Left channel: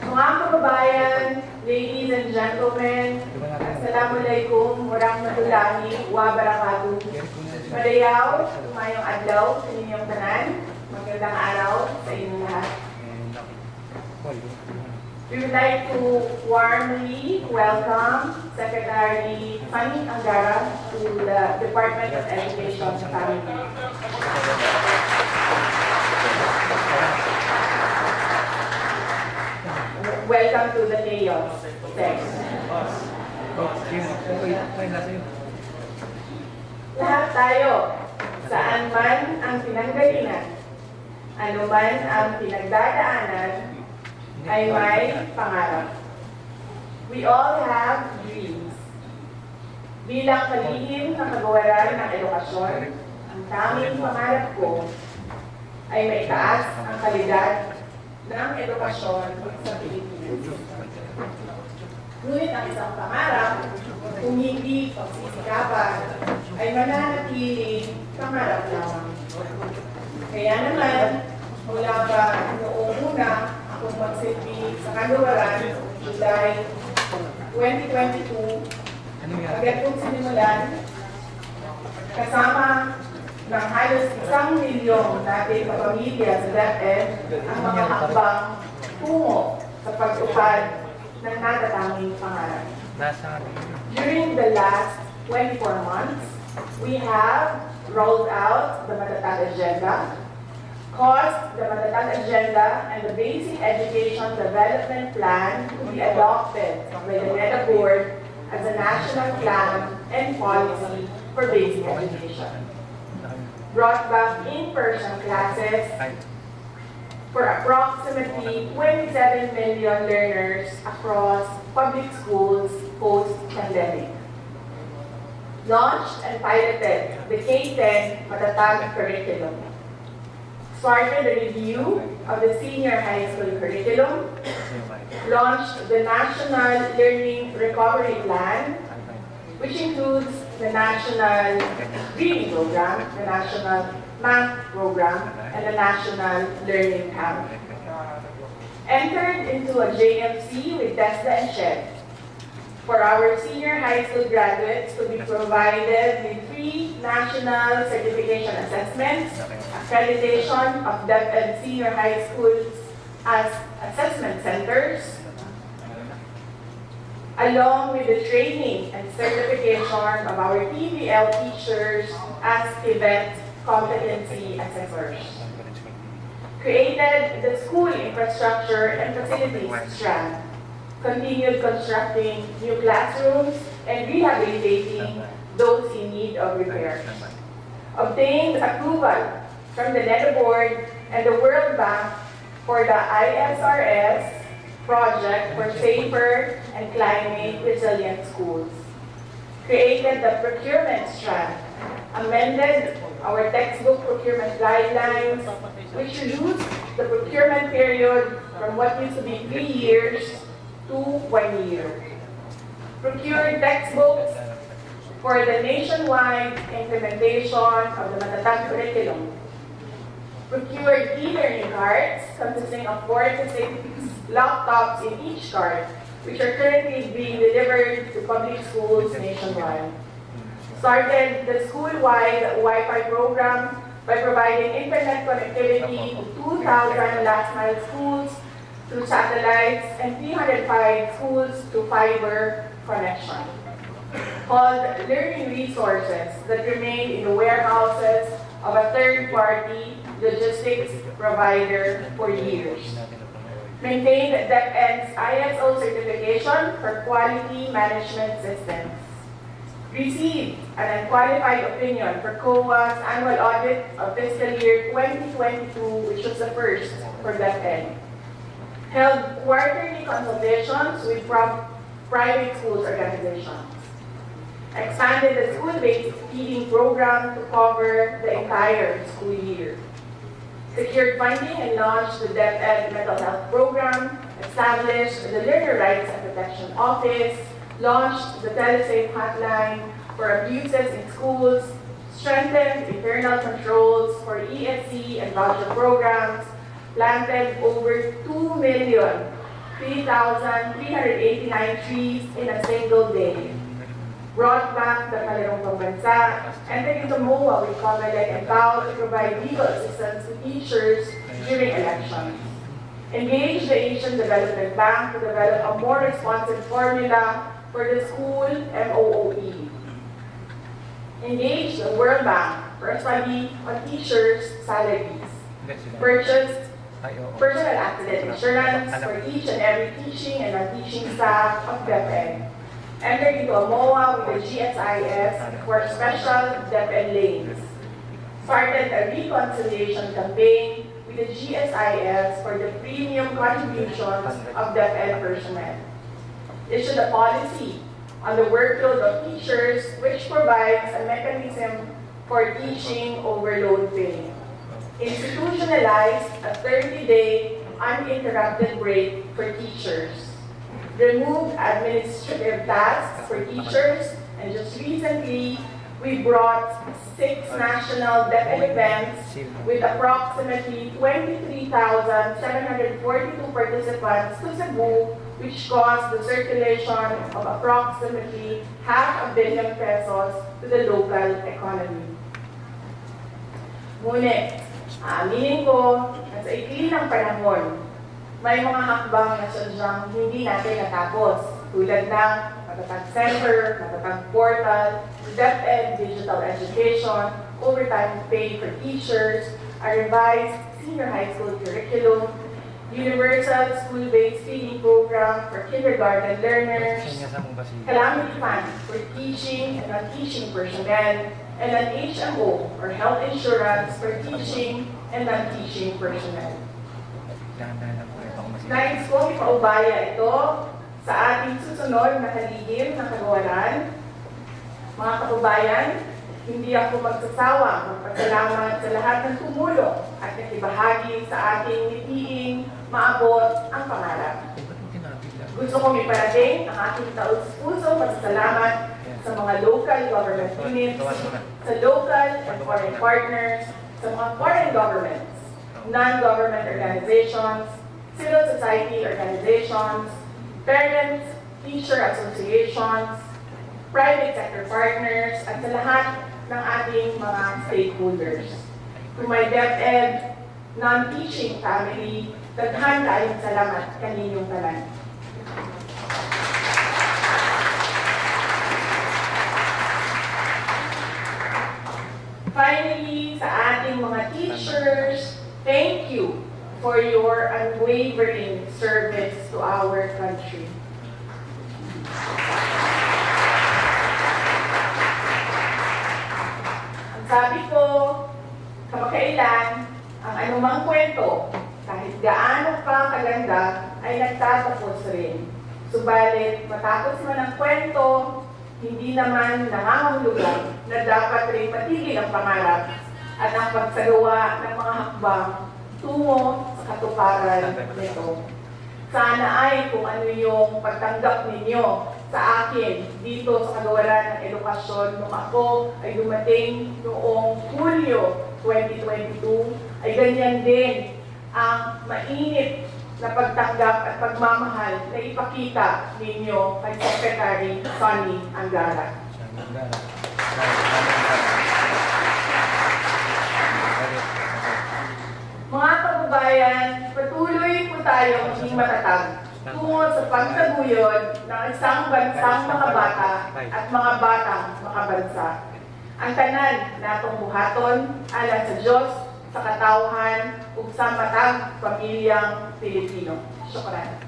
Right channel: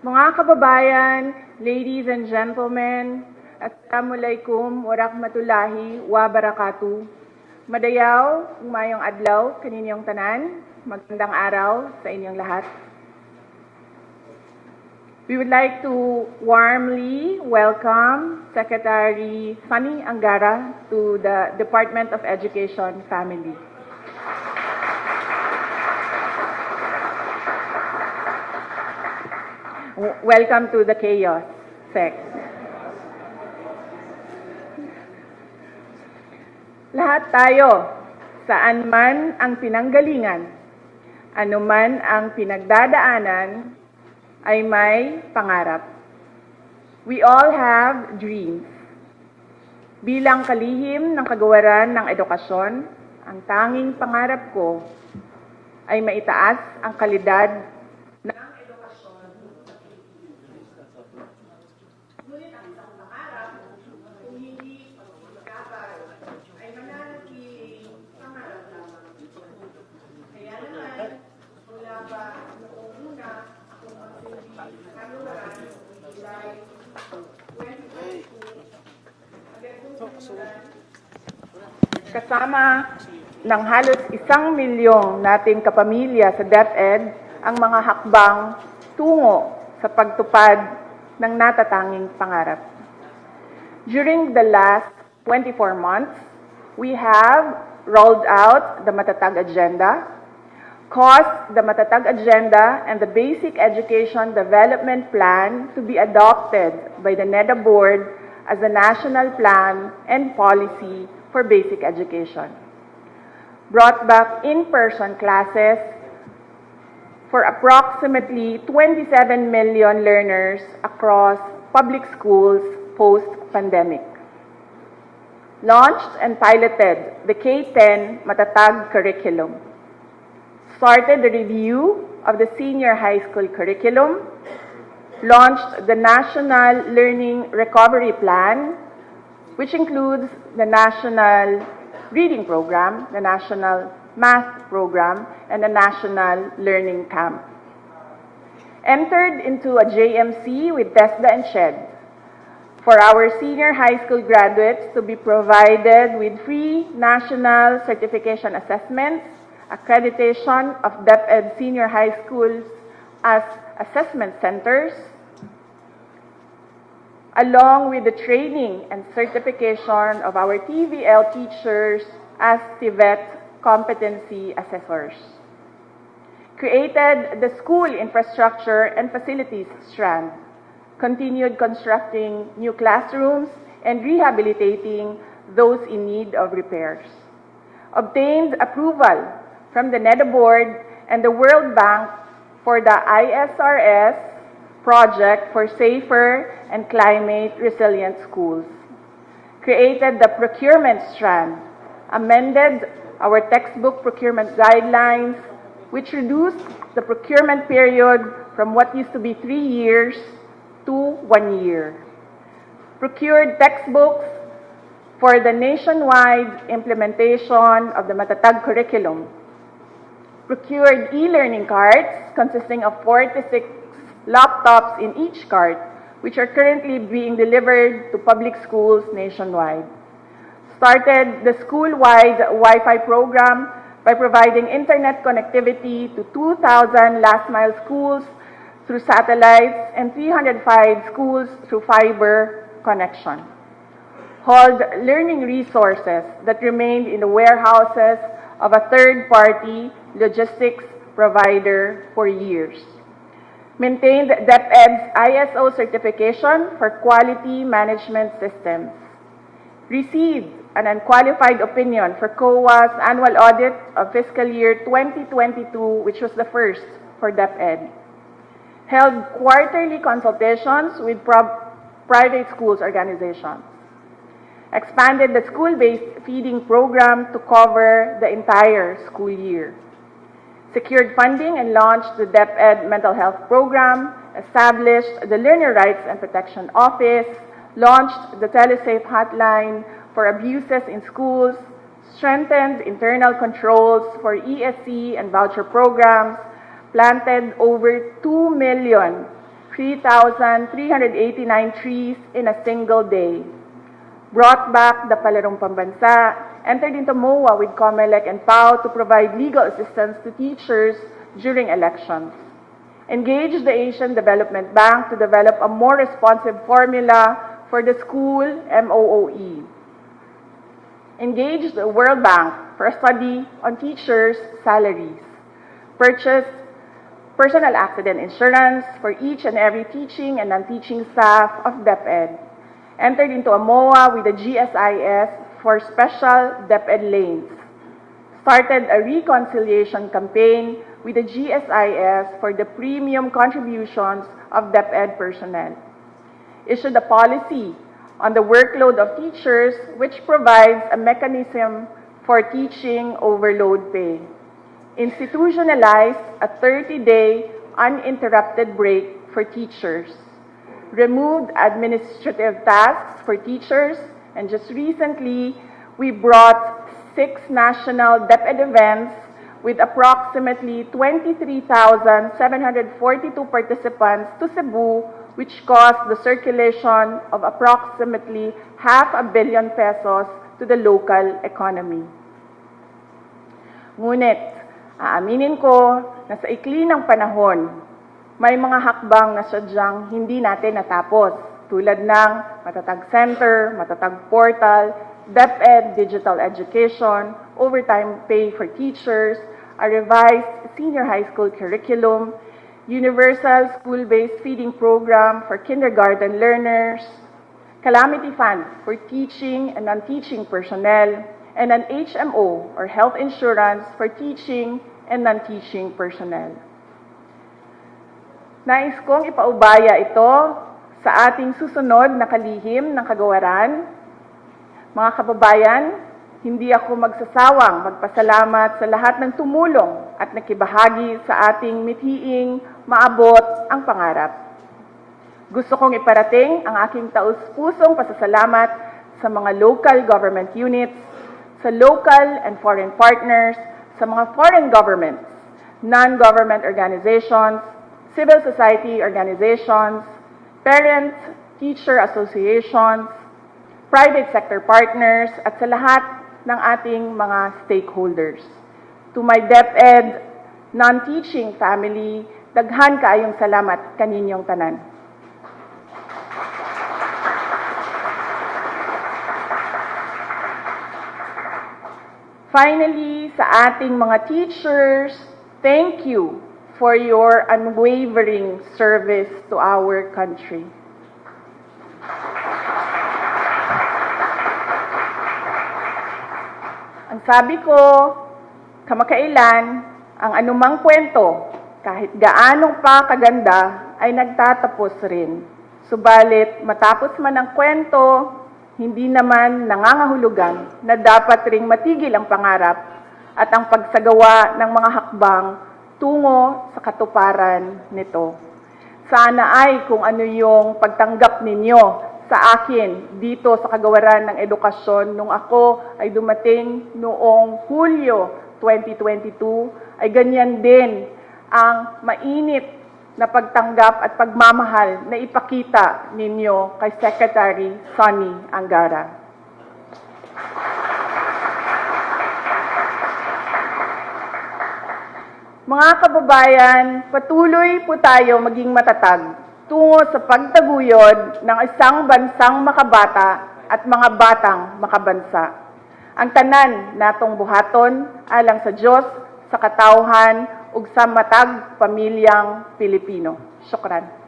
Mga kababayan, ladies and gentlemen, Assalamualaikum warahmatullahi wabarakatuh. Madayaw, umayong adlaw, kaninyong tanan, magandang araw sa inyong lahat. We would like to warmly welcome Secretary Fanny Angara to the Department of Education family. Welcome to the chaos. Thanks. Lahat tayo, saan man ang pinanggalingan, anuman ang pinagdadaanan, ay may pangarap. We all have dreams. Bilang kalihim ng kagawaran ng edukasyon, ang tanging pangarap ko ay maitaas ang kalidad ng edukasyon sa Pilipinas. Ngunit ang isang pangarap, kung hindi pagsisikapan, ay mananatiling pangarap lamang. Kaya naman, mula pa noong una akong magsilbi sa kagawaran, July 2022, agad kong sinimulan kasama ng halos isang milyong nating kapamilya sa DepEd ang mga hakbang tungo sa pagtupad ng natatanging pangarap. During the last 24 months, we have rolled out the Matatag Agenda, caused the Matatag Agenda and the Basic Education Development Plan to be adopted by the NEDA Board as a national plan and policy for basic education. brought back in-person classes for approximately 27 million learners across public schools post-pandemic. Launched and piloted the K-10 Matatag curriculum. Started the review of the senior high school curriculum. Launched the National Learning Recovery Plan which includes the National Reading Program, the National Math Program, and the National Learning Camp. Entered into a JMC with TESDA and SHED for our senior high school graduates to be provided with free national certification assessments, accreditation of DepEd senior high schools as assessment centers, along with the training and certification of our TBL teachers as Tibet competency assessors. Created the school infrastructure and facilities strand. Continued constructing new classrooms and rehabilitating those in need of repairs. Obtained approval from the NEDA Board and the World Bank for the ISRS project for safer and climate resilient schools, created the procurement strand, amended our textbook procurement guidelines, which reduced the procurement period from what used to be three years to one year. Procured textbooks for the nationwide implementation of the Matatag curriculum. Procured e-learning cards consisting of four to six laptops in each cart, which are currently being delivered to public schools nationwide. Started the school-wide Wi-Fi program by providing internet connectivity to 2,000 last-mile schools through satellites and 305 schools through fiber connection. Hauled learning resources that remained in the warehouses of a third-party logistics provider for years. Maintained the DepEd's ISO certification for quality management systems, Received an unqualified opinion for COA's annual audit of fiscal year 2022, which was the first for DepEd, held quarterly consultations with private schools organizations, expanded the school-based feeding program to cover the entire school year, secured funding and launched the DepEd Mental Health Program, established the Learner Rights and Protection Office, launched the TeleSafe hotline for abuses in schools, strengthened internal controls for ESC and voucher programs, planted over 2 million 3,389 trees in a single day brought back the Palarong Pambansa, entered into MOA with COMELEC and PAO to provide legal assistance to teachers during elections. Engaged the Asian Development Bank to develop a more responsive formula for the school MOOE. Engaged the World Bank for a study on teachers' salaries. Purchased personal accident insurance for each and every teaching and non-teaching staff of DepEd entered into a MOA with the GSIS for special DepEd lanes, started a reconciliation campaign with the GSIS for the premium contributions of DepEd personnel, issued a policy on the workload of teachers which provides a mechanism for teaching overload pay, institutionalized a 30-day uninterrupted break for teachers, removed administrative tasks for teachers, and just recently, we brought six national DepEd events with approximately 23,742 participants to Cebu, which caused the circulation of approximately half a billion pesos to the local economy. Ngunit, aaminin ah, ko na sa ikli ng panahon, may mga hakbang na sadyang hindi natin natapos, tulad ng matatag center, matatag portal, DepEd digital education, overtime pay for teachers, a revised senior high school curriculum, universal school-based feeding program for kindergarten learners, calamity fund for teaching and non-teaching personnel, and an HMO or health insurance for teaching and non-teaching personnel. Nais kong ipaubaya ito sa ating susunod na kalihim ng kagawaran. Mga kababayan, hindi ako magsasawang magpasalamat sa lahat ng tumulong at nakibahagi sa ating mithiing maabot ang pangarap. Gusto kong iparating ang aking taus-pusong pasasalamat sa mga local government units, sa local and foreign partners, sa mga foreign governments, non-government organizations, civil society organizations, parents, teacher associations, private sector partners, at sa lahat ng ating mga stakeholders. To my DepEd, non-teaching family, daghan kaayong salamat kaninyong tanan. Finally, sa ating mga teachers, thank you for your unwavering service to our country. Ang sabi ko, kamakailan, ang anumang kwento, kahit gaano pa kaganda, ay nagtatapos rin. Subalit, matapos man ang kwento, hindi naman nangangahulugan na dapat ring matigil ang pangarap at ang pagsagawa ng mga hakbang tungo sa katuparan nito. Sana ay kung ano yung pagtanggap ninyo sa akin dito sa kagawaran ng edukasyon nung ako ay dumating noong Hulyo 2022 ay ganyan din ang mainit na pagtanggap at pagmamahal na ipakita ninyo kay Secretary Sonny Angara. Mga kababayan, patuloy po tayo maging matatag tungo sa pagtaguyod ng isang bansang makabata at mga batang makabansa. Ang tanan natong buhaton alang sa Diyos, sa katauhan, ug sa matag pamilyang Pilipino. Syukran.